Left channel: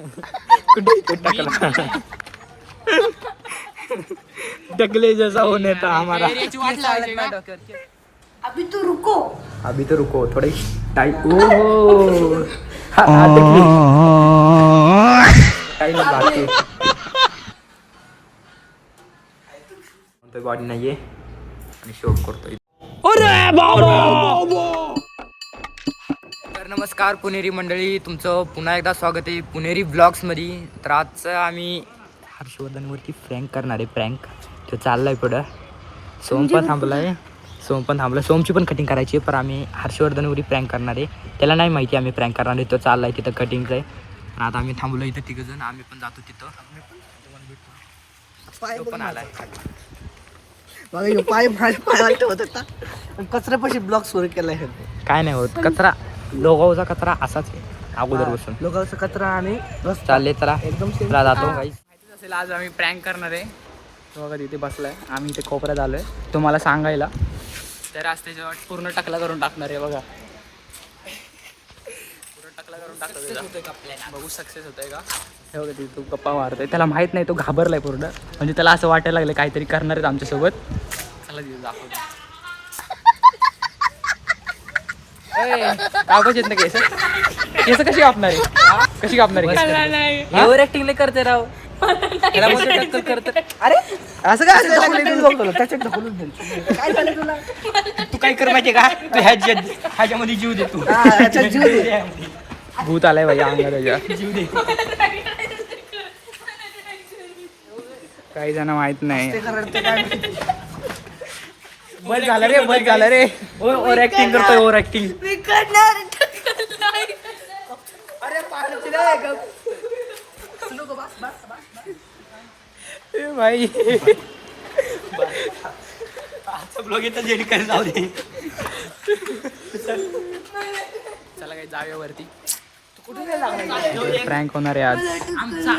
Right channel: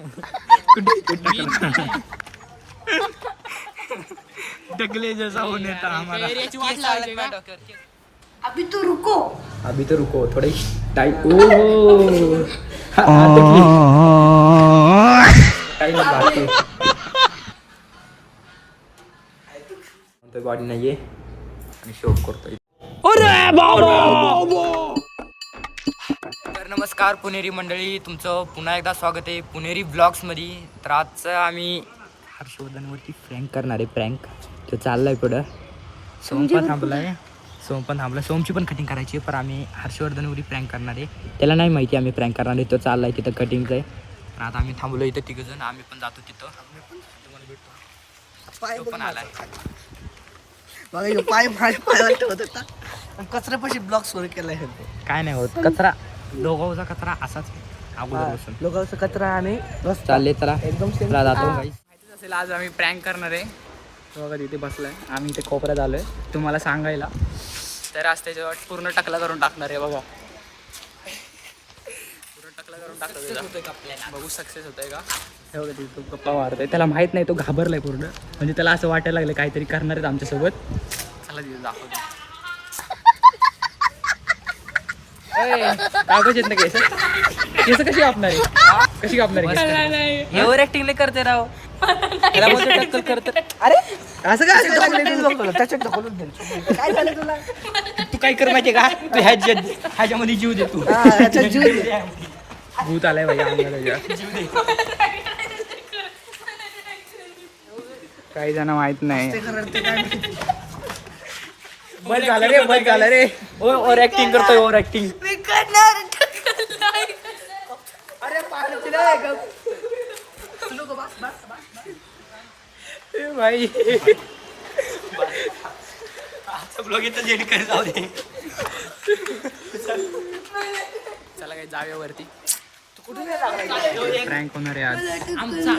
कुठे टकला टकले जैसा होने था हमारा। अभी तो रुको। अभी तो रुको थोड़ी टाइम। ओ टाइम बाकी बॉडी नाहीये शूट करतोय। तर नमस्कार पुणेरी मंडळी, तुमचं पुन्हा एकदा स्वागत आहे पुणेरी ब्लॉग्स मध्ये. तर आजचं आम्ही हर्षवर्धनवरती प्रँक करणार आहे. प्रँक तो चाललाय पुढं. सोम पण थांबलाय. सोमची पण कटिंग करायची आहे, पण आम्ही हर्षवर्धनवरती प्रँक करणार आहे. त्याला नाही माहिती आम्ही प्रँक करणार आहे. तो चाललाय तिथं कटिंगचं आहे. पण आता आम्ही थांबलो इथं तिघजण. आम्ही पण जातो तिथं. तो पण आलाय. पाय होता कचऱ्यापाशी ब्लॉक सुरू केलाय. काय नाही होत, कचरा लोगावचा कचरा असाच आहे अगोदर बसून. लोकांचा कचरा आणि चालले चला एकदम जातो. माहितीच असेल आज आम्ही प्रँक करणार आहे. तो बघा तिथे बसलाय, आम्ही इथे कोपऱ्यात आलोय तुम्हाला सांगायला. तर आज त्याच्यावर पूर्ण टकला करून टाकणार आहे. बघा पूर्ण टकला करून टाकतोय. बघू सक्सेस होतंय का. हे बघा तिथे तो गप्पा मारतोय. त्याला माहित नाही, तो घाबरलाय पूर्ण. म्हणजे त्याला असं वाटायला लागलं काहीतरी करणार आहेत आमच्यासोबत. चला तिथे दाखवतो. कागज येत नाही केस कशी कापणार आहे, कशी कापणार आहे. एव्हर ऍक्टिंग नाही करते राव. अरे असं काय काय झालं तुला. तू काय कर माहितीये का, तू ह्याच्यामध्ये जीव दे. तू भूत आलाय भाई अंगाला. काही जण माहित नाही. बस झालं रे, बस झालं रे. ओव्हर ऍक्टिंग करतोय, ओव्हर ऍक्टिंग. अरे भाई ब्लॉग येतं जेडी काय जाऊ दे. चला काही जाऊया वरती. प्रँक होणार आहे आज आमचा.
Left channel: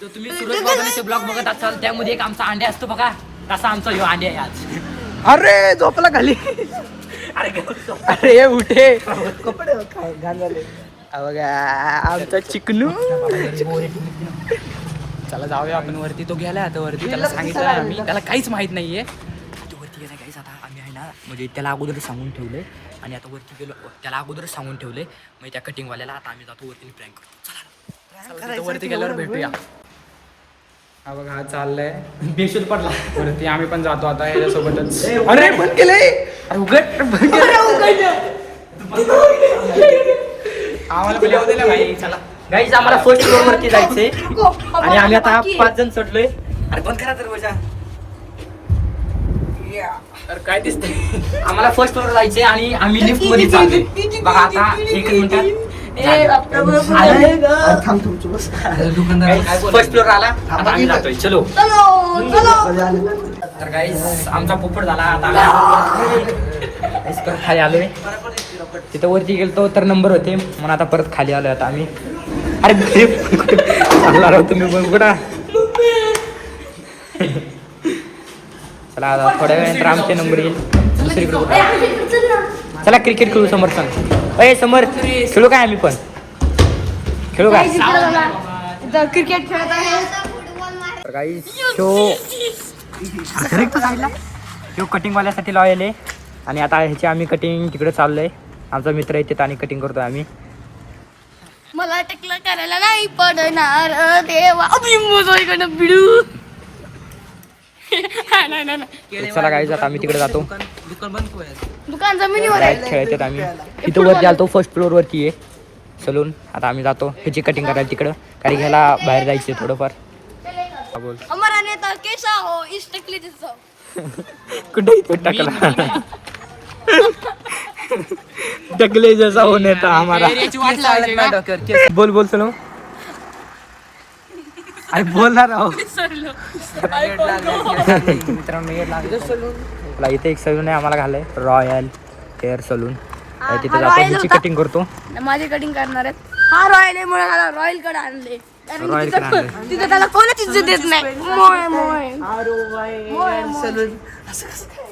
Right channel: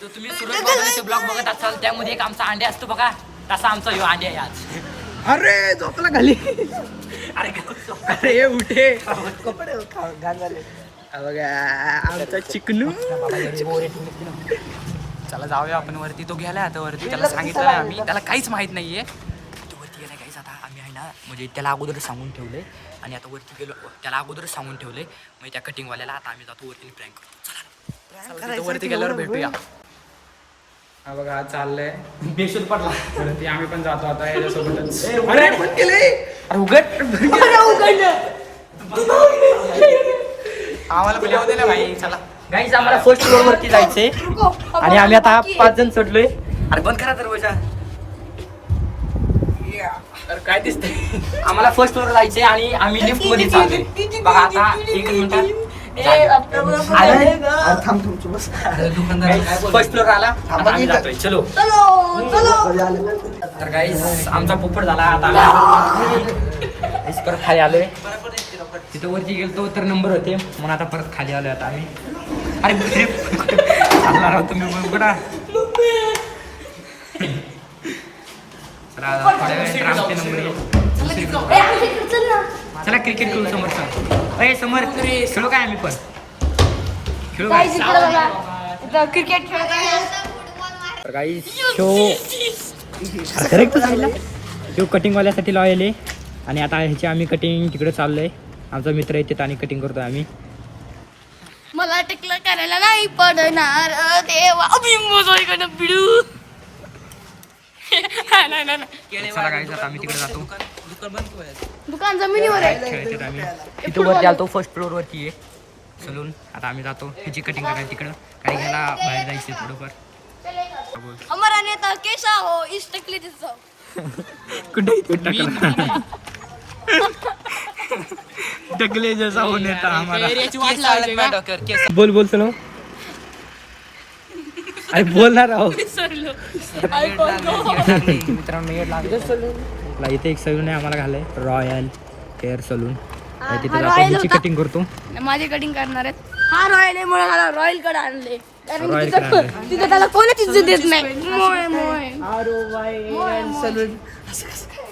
तर तुम्ही सुरज बाबांचे ब्लॉग बघत असाल, त्यामध्ये एक आमचा अंडे असतो बघा, तसा आमचा ह्यो अंडे आहे आज. अरे झोपला खाली. अरे उठे आमचा चिकनू. चला जाऊया आपण वरती. तो गेलाय आता वरती. त्याला सांगितलं नाही आम्ही, त्याला काहीच माहित नाहीये. तो वरती गेलाय काहीच. आता आम्ही आहे ना, म्हणजे त्याला अगोदर सांगून ठेवले आणि आता वरती गेलो. त्याला अगोदर सांगून ठेवले म्हणजे त्या कटिंगवाल्याला. आता आम्ही जातो वरती प्रँक करतो. चला तिथं वरती गेल्यावर भेटूया. हा बघा चाललंय बेशुद्ध पडला वरती. आम्ही पण जातो आता याच्यासोबतच. अरे बंद केलंय. आम्हाला पण येऊ दिला भाई. चला गाईज आम्हाला फर्स्ट फ्लोअरवरती जायचंय आणि आम्ही आता 5 जण चढलोय. अरे बंद करा दरवाजा. अरे काय दिसतंय. आम्हाला फर्स्ट फ्लोअर जायचंय आणि आम्ही लिफ्ट मध्ये जातोय. बघा आता 1 मिनिट. फर्स्ट फ्लोअर आला. चलो तर गाईज आमचा पोपट झाला. आता परत खाली आलोय. तिथं वरती गेलतो तर नंबर होते म्हणून आता परत खाली आलोय आता आम्ही. अरे चालला राहतो मी पण कुठं. चला आता थोड्या वेळानंतर आमचे नंबर येईल. चला क्रिकेट खेळू. समोर सांग. अय समोर खेळू काय, आम्ही पण खेळू काय. क्रिकेट शो कटिंगवाल्यासाठी लावले आणि आता ह्याची आम्ही कटिंग तिकडे चाललोय. आमचा मित्र येते आणि कटिंग करतोय आम्ही. मला टकलं करायला नाही पडणार देवा. अभिमोजोय बिडू. चला गाईज आता आम्ही तिकडे जातो. दुकान जमिनीवर राईट खेळायचे आम्ही. तिथं वरती आलतो फर्स्ट फ्लोअर वरती आहे सलून. आता आम्ही जातो ह्याची कटिंग करायला तिकडं. गाडी घ्यायला बाहेर जायचं थोडंफार. हमारा नेता कैसा हो इस टकली दिसो. कुठे टाकला टकले जैसा हो नेता हमारा. बोल बोल चलो. अरे बोलणार आहो मित्रांनो. येड लागले. इथे एक सलून आहे आम्हाला घालाय, रॉयल हेअर सलून. तिथे जातो ह्याची कटिंग करतो. माझी कटिंग करणार आहेत. हा रॉयल आहे म्हणून रॉयल कडे आणले. रॉयल कडे आणले. त्याला कोणीच इज्जत देत नाही.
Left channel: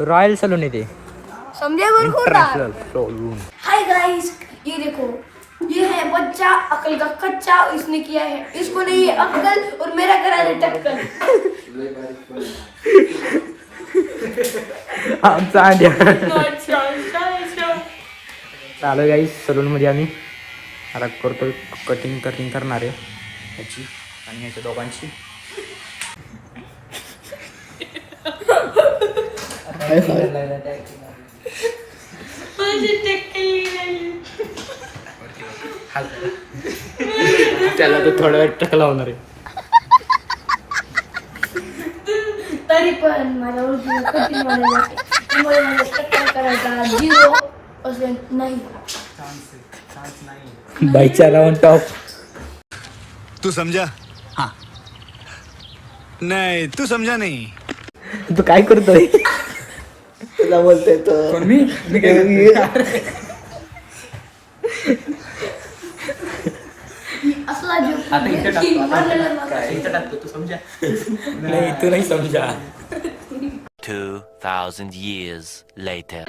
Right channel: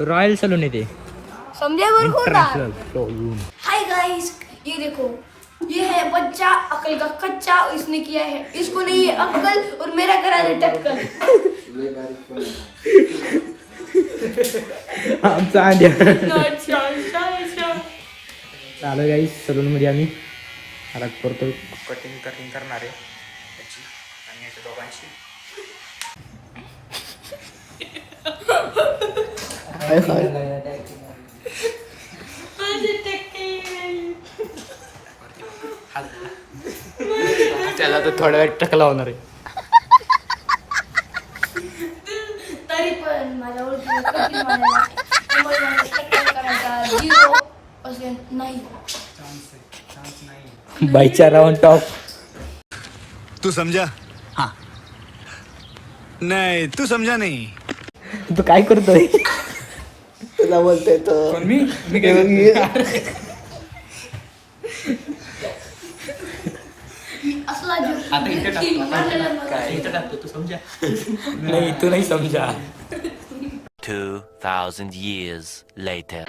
रॉयल सलून आहे ते. समझे बरं. International salon. हाय गाइस, ये देखो ये है बच्चा अकल का कच्चा, इसने किया है, इसको नहीं है अकल और मेरा करा है टक्कर. आमचा अंड्या चालू आहे गाईस सलूनमध्ये आम्ही आता करतोय कटिंग करणार आहे याची आणि याच्या दोघांची. त्याला तो थोडा वेळ टक लावणार आहे. तरी पण माझ्या करायचा 0% नाही. बाईच्या राऊंड टॉप. तू समझा? हाँ. नहीं तू समझा नहीं. तू काय करतोय? तुला बोलतोय तो. कोण मी काय असला जो आता इथे टाकतो तू समजा. नाही तू नाही समजा. 2,000 years later.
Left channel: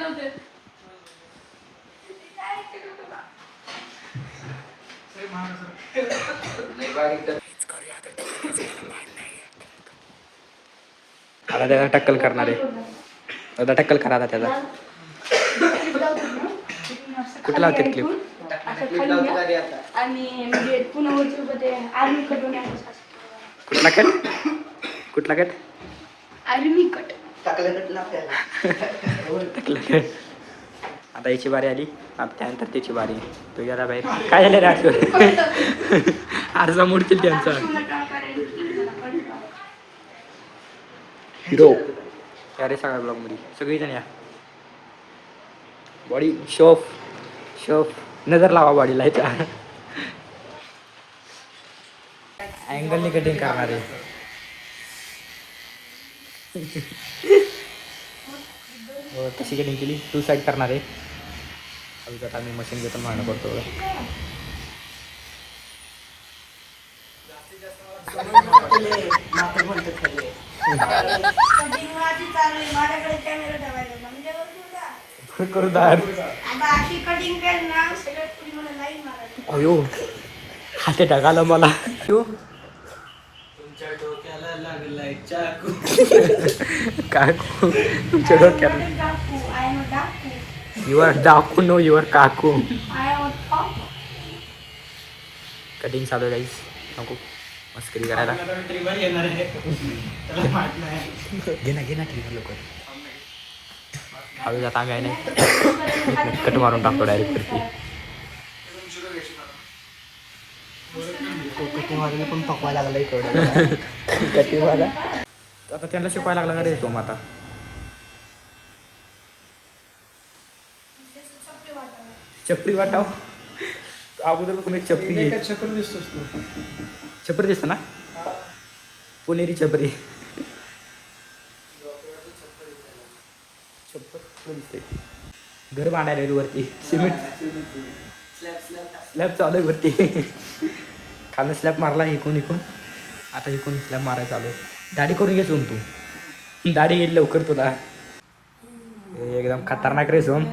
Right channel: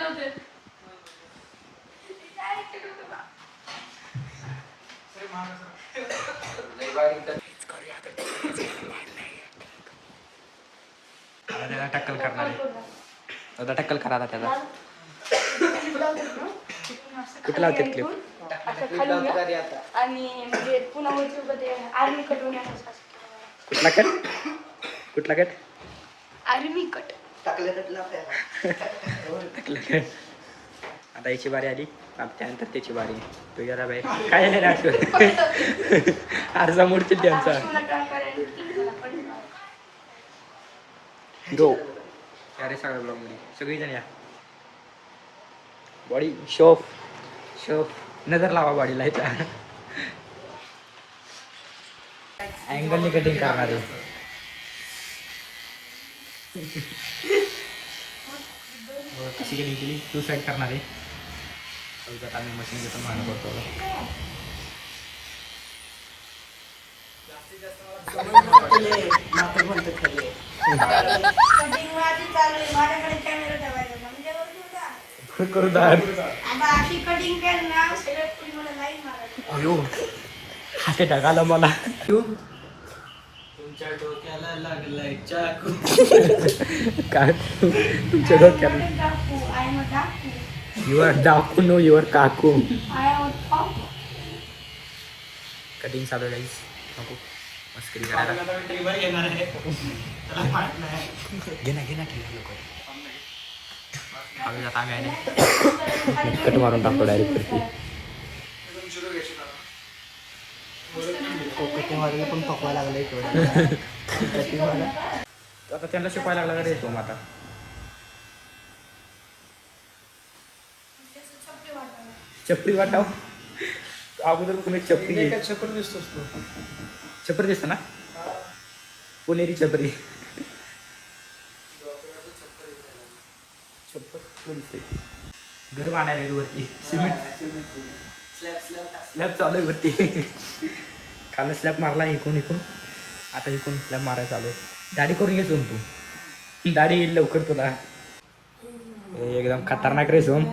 आता त्याला टक्कल करणार आहे. आता टक्कल करा आता त्याचा. कुठला होते क्लिप? असं खाली घ्या. आणि म्हणजे पुन्हा वरती उभं ते आर्मी कट होण्याचं. कुठला कट? Army cut. आता याची बारी आली. आता त्यानंतर त्याची बारी. तो याला बाहेर काय झालं रे आठवण? आरसा मोडतील त्यांचा. हिरो अरे सगळ्या ब्लॉग मध्ये सगळीजण या. बॉडी शोफ नजर लावा बॉडीला याच्या. अँगलने कटिंग करणार आहे. कशी कटिंग केली 2 साईड करणार आहे. अजून आम्ही मशीन घेतो मागणं करतो. करू दार अयो हाते टाकायला मला. तुमच्या डोक्याला लागलाय चाकू. काकू तुमच्या डोक्याला. युअर डाकू नो युअर काकू. कटिंग चालू आहे गाईस. नको मस्करी करायला. घे ना ट्रिगर लवकर. हवे जाता आम्ही आहे नाही कट मारून टाकतो डायरेक्ट. कटिंगवाल्याला पण पकवायला लागलाय कटिंगवाला आता त्यांना शिकवायला लागला का रे तो आता. चपरी वाटाव अगोदर तुम्ही चपरी चपरी दिसतं ना. पुणेरी चपरी घर बांधायला वरती सिमेंट स्लॅब चालू आहे वरती. खाली स्लॅब मारला इकून आता इकून स्लॅब मारायचा चालू. दाढी करून घे सोम तू. दाढी येईल लवकर तुला. एकदम खतरनाक रे सोम.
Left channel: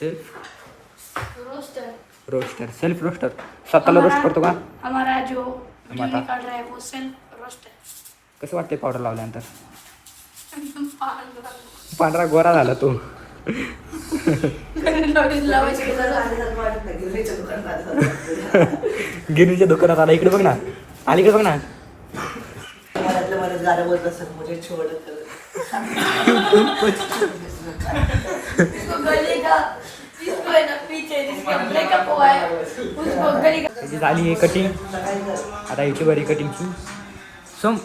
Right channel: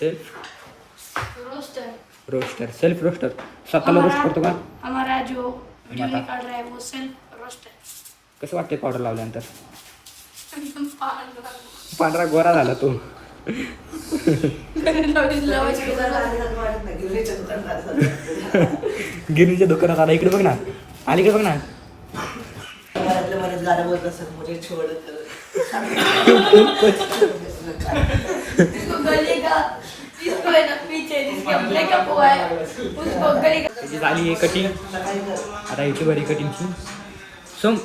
सेल्फ रोस्टर स्वतःला रोस्ट करतो का? हमारा जो वीडियो निकाल रहा है वो सेल्फ रोस्टर. कसं वाटते पावडर लावल्यानंतर? पांढरा गोरा झाला तू. गिरणीच्या दुकानात आला. इकडे बघ ना. अलीकडे बघ ना. गाणं बोलत असत मुझे छोड़ झाली कटिंग. आता याची बरी कटिंगची. सोम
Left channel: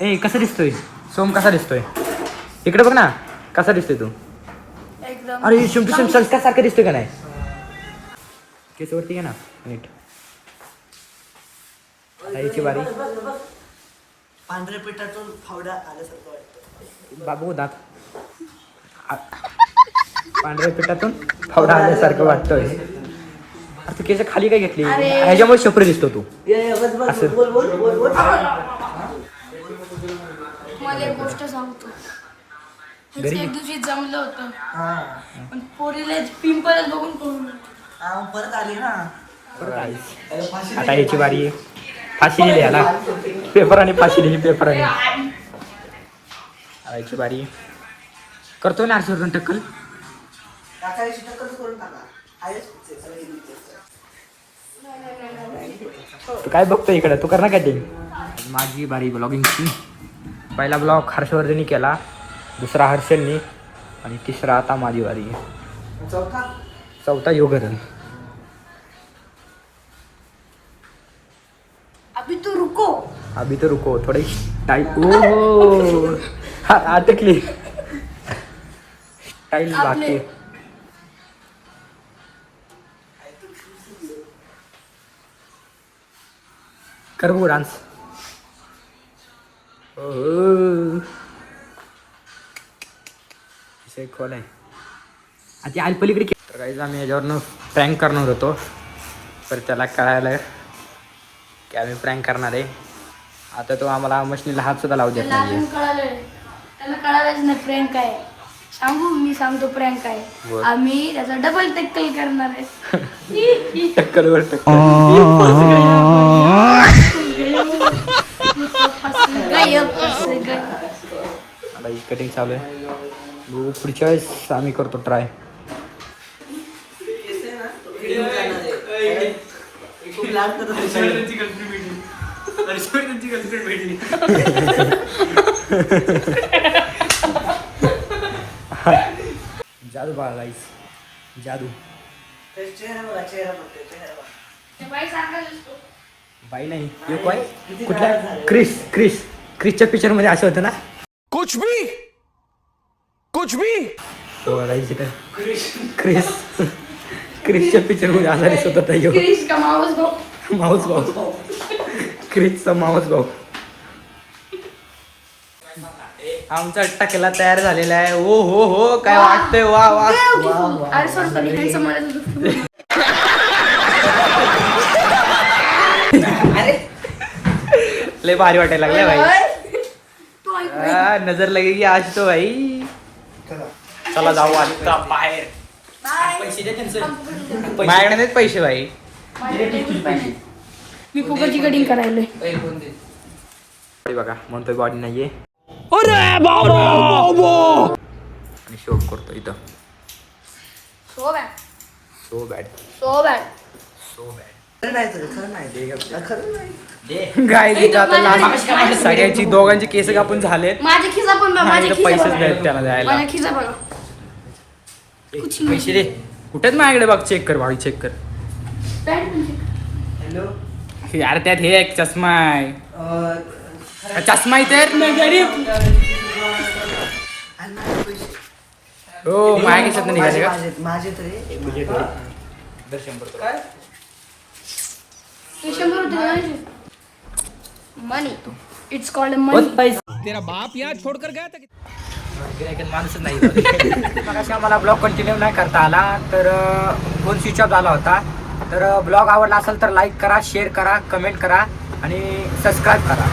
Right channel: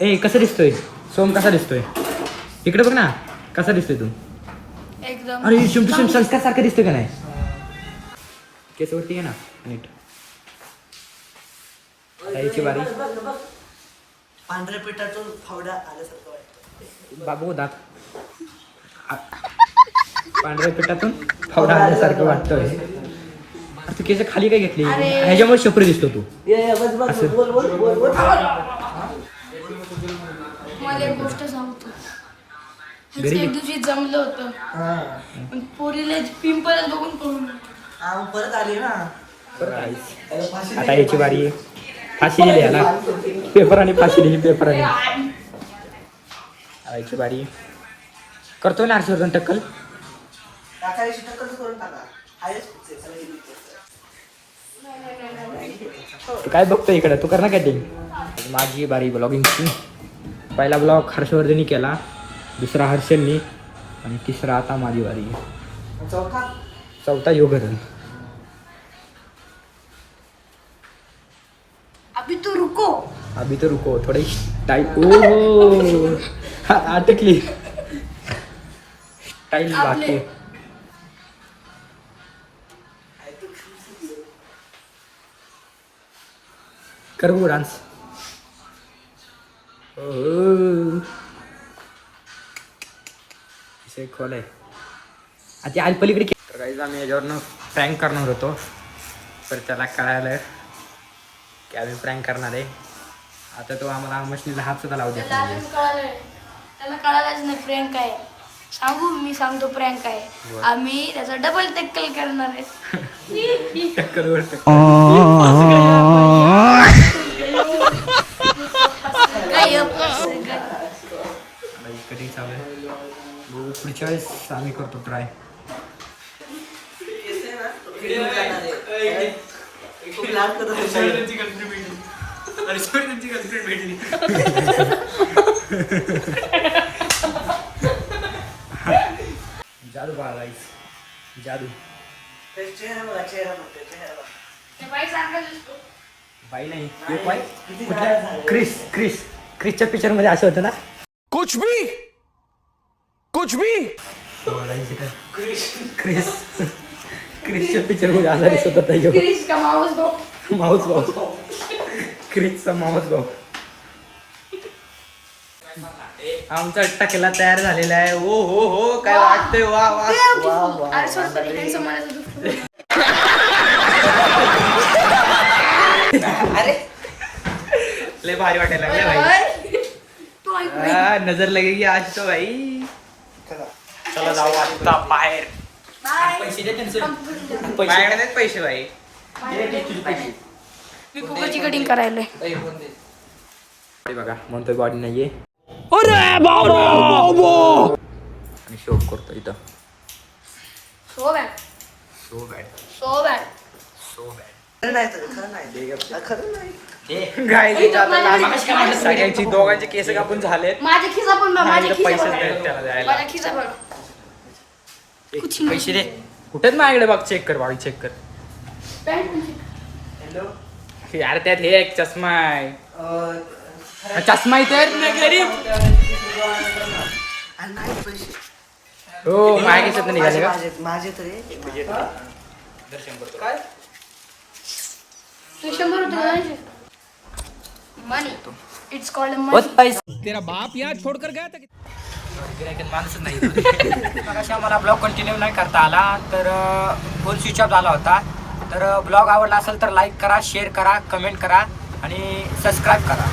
ए कसा दिसतोय? सोम कसा दिसतोय? इकडे बघ ना. कसा दिसतोय तू? एकदम. अरे शिम संस्कार सारखं दिसतोय का नाही? केस वरती ना नीट. आता याची बारी. पांढऱ्या पिठातून फावडा आल्यासारखं वाटतं. बाबू दात पांढऱ्या पिठातून फावडा आल्यासारखं वाटतोय. तू केस खाली काय घेतली? ह्याच्यामुळे शपरी दिसतो तू असं. मला एक गोष्ट सांगतो. ह्याचं एक दिवशी जमलं होतं पण पोरीला पिंपल बघून पळून परत आली ना. आता ह्याची बारी आहे. फाशी दिली याला पेपर आणि फाशी दिली पेपर आणि ह्याची बारी करतो ना हर्षवर्धन टक्कल. तू काय बघतो इकडे तू कर ना कॅटिंग. माझी बारी ब्लॉगिंगची. पहिला ब्लॉग हर्षवर्धननी केला, दुसरा हर्षलनी आणि तिसरा आता माझी बारी. चौथा योगरन. अभी तू रुको. अभी तो रुको थोड़ी टाइम. ओ अटकली स्टाईल बाकी. कर वो डान्स. खोल आहे आता आज पलीकडे. तर काही आम्ही याच्यावरनं प्रँक करणार होतो तर त्याला कळायला की आम्ही प्रँक करणार आहे. आता तो आम्हाला मशीनला हात सुद्धा लावू देत त्याला अजून कळालं त्याला कळालंच नाही प्रँक काय आहे. सांगू मी सांगतो प्रँक काय आहे. बोल. आम्ही त्याचा डबल टक्कल करणार आहे. टक्कल वर कटिंग चालू आहे. पुढच्या वेळेस आम्ही करतो ट्राय. जादू बघा गाईस जादू. बाई नाही एक बाई कुठल्या क्रिसच्या पिक्चर मध्ये असं होतं ना. कुछ भी तो गाईस इथं क्रिसच्या पिक्चर मध्ये असं दिसत होता ह्यो. क्रिसचा मावस भाऊ. आमचा टकला तयार झालेला आहे. हो हो हो काय वाटतंय. वा वा लय भारी वाटायला लागले भाई. नजर लगेगी आज तो भाई. चला जाऊ आता बाहेर. माझ्याकडे देत पैसे भाई. मी फुकटची कटिंग करायला. बघा म्हणतोय बॉडी नाहीये. करतो इथं. So bad so bad so bad. So bad. खरं नाही तर खरं नाही ते खरं नाही. काय सगळ्यांची दोघांचे केस कापून झाले. माझ्या खिसा पण बघा, माझ्या खिसा पैसे बघा. द्यायला त्याला द्यायला. माझ्या खिसा बघा. पैसे रे कुठेच माझ्याकडे बघ. चेक कर भाई चेक कर. यार त्यात हे एक चष्मा आहे. चष्मा इथे गरीब. हो माझे तरी मनी इट्स कॉल्ड मनी. तेरा बाप यहाँ छोड़कर गया था. माणूसच नाही. मला ब्लॉग कंटिन्यू नाही करता आला तर फोन स्विच ऑफ झाला होता. तर ब्लॉग आवडला असेल तर लाईक करा, शेअर करा, कमेंट करा आणि सबस्क्राईब करा.